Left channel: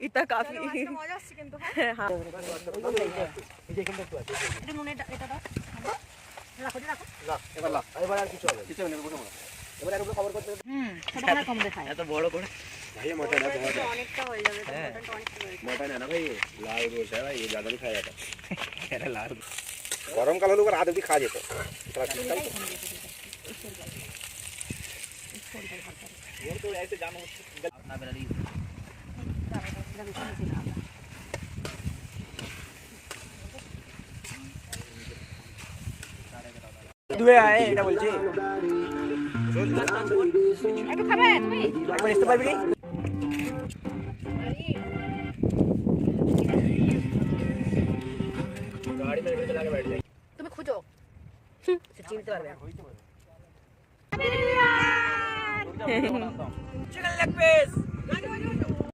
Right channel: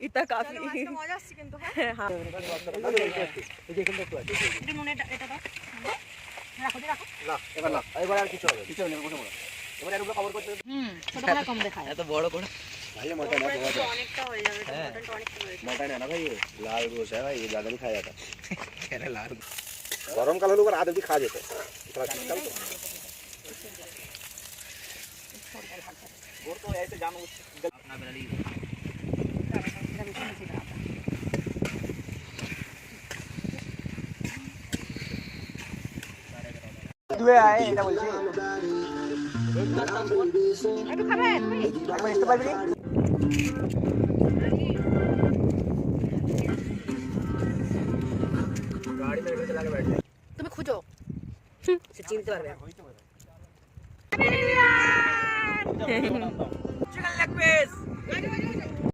इतना काफी মজা আসছে কিন্তু হ্যাঁ হ্যাঁ এই যে এখানটা একটু আছে একটু নুনে এটা দাও রাখো রাখো না এবার না এবার আর কিছু হবে কিছু নেই বসো এবার এগুলো কভার করতে ছোট করে কম দেখায় এত বড় করে ভাই মোটা না অনেকটা হয়ে যাবে হ্যাঁ মোটা না ভাই লাল রোজ है भाई ये ज्यादा नहीं खाया जाता अरे लाल गरम काल হলো রাত অবধি খাওয়া যেত এটা শীতকাল তো वो तो ऐसे जानो अपना बना ली দুয়ে আয় এটা বলছি একটু খাবে তুমি একবার আসতে পারবি गाड़ी में चला के बैठ जाए তুমি খুঁজো সে চিনতে পারবে चिकन लेग पीस